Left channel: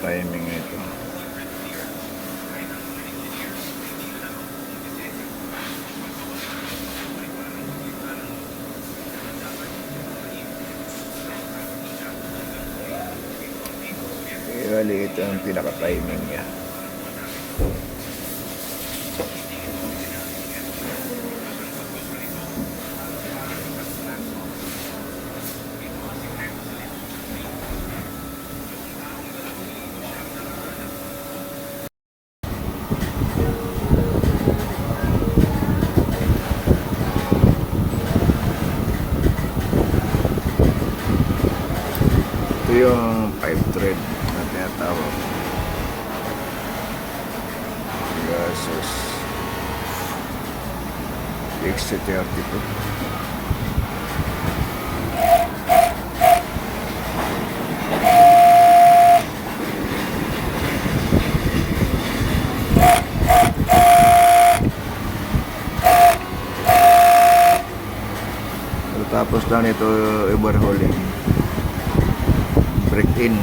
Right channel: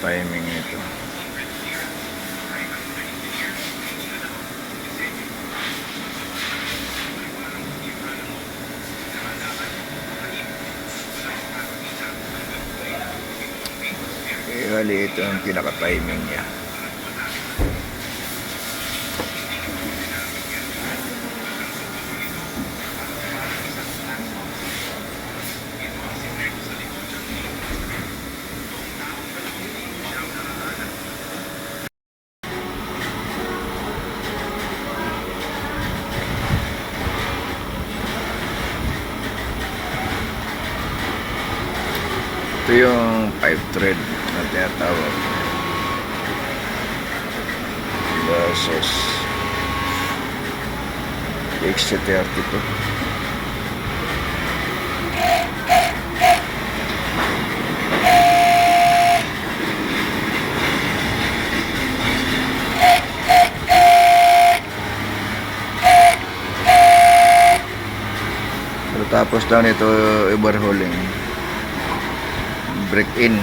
timing nito. Bali, ito ang pinaka-timing niya. Ito yung 5 thread na tinatawag versus XC32. Tapos lang ito overhauling, break in.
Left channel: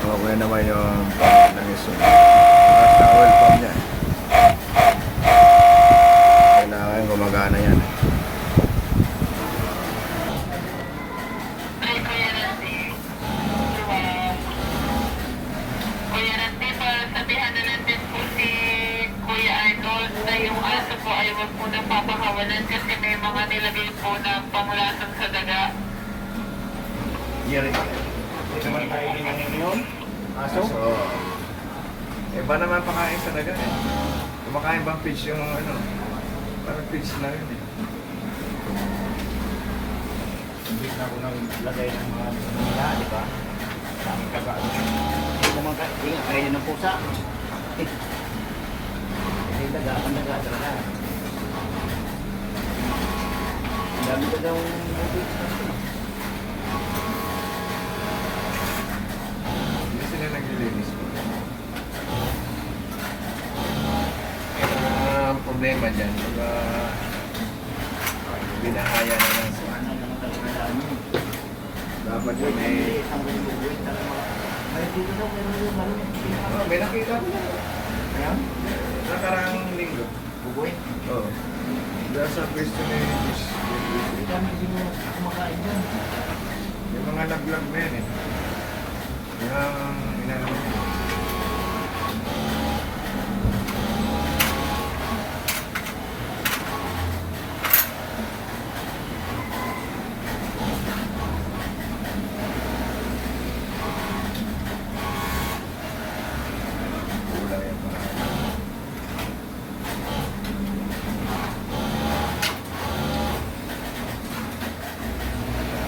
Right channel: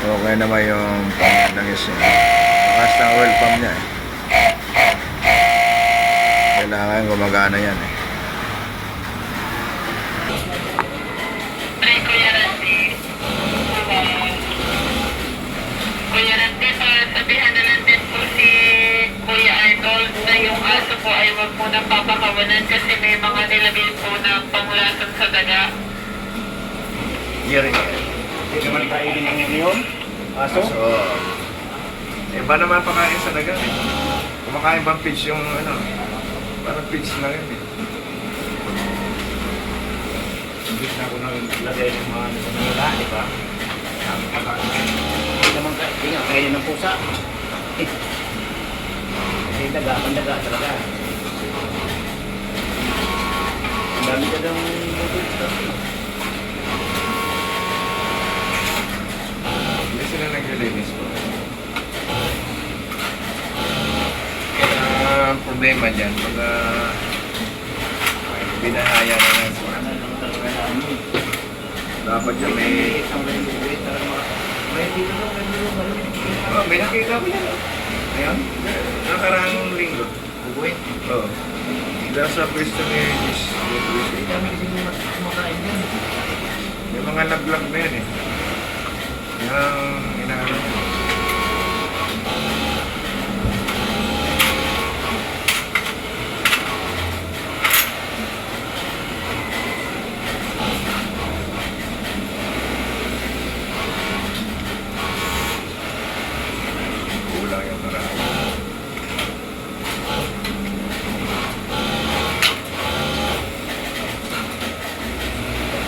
Okay naman yung pump ng isa. Bakas ng oil pump niya eh. Kailangan gumagana yan eh. Ay, Kuya Randy. Kuya Randy, sabihan na lang din po si Kuya Arnold na yung aso po ay wag po nang papakawalan kasi may mga nilagay po na panglason sa daga. Yari. Hindi naman tayo ngayon. Aso? So, iba naman pakain sa daga eh. Kumakain bang fish yung ano? Parang fish na yun eh. Hindi na ako naglagay ng mga nila, di ba? Tama ka ba? Hindi naman kaya ng pusa. Kasi daga, ang daga talaga. Ang dami ka daw bukid sa Hindi sila naglilinis ko. Kaya ang problema dyan, pag binahaya na lang sila. ano naman talaga namin. Dapat yun may... Isang rin bukid talaga. May dito daw, Oh, may nakita ko yan. Ayan, nakaraang linggo. Bubuin. Oo. Dahil sa pwesto ni Miss. Hindi kami kasi kumakain yan. May mga nag-vlog na yan eh. Yung inaano ko. Kulang yung marami.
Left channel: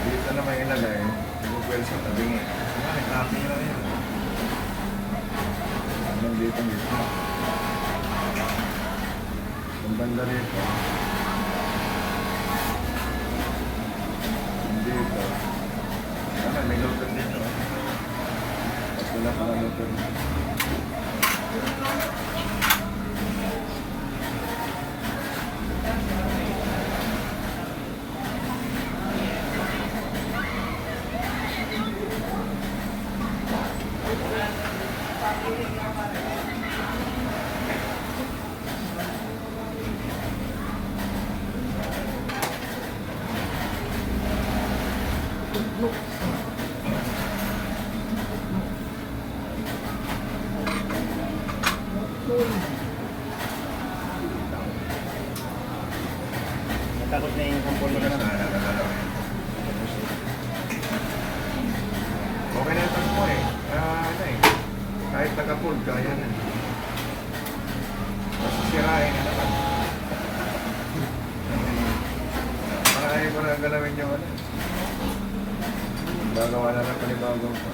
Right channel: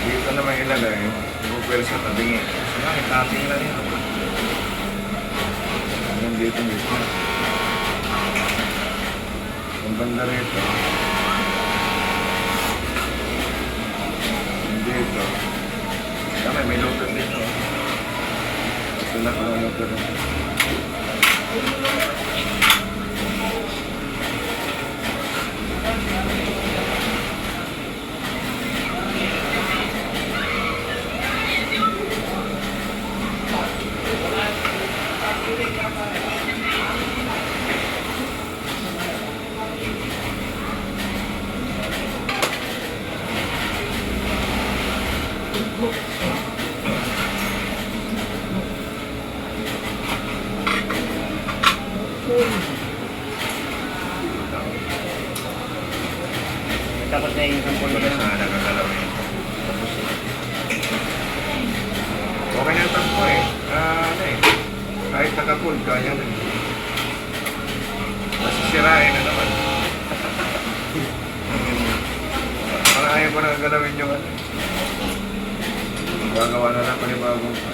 Dito naman ilagay, i-bupel sa tabingi. Kasi nga, cutting lang yun. Hanggang dito mismo. Yung banda rito. Yung dito. Kaya may luto dito. Ito na pala luto rin. Tapos na yung isang puno Wala na sana kakalawin. Okay na ang tangko eh. Ano eh. Kahit nakapul, kaya na eh. Masisirain na naman. Parang ayaw ko na galawin yung ano. Gagawa na lang panibagong pa.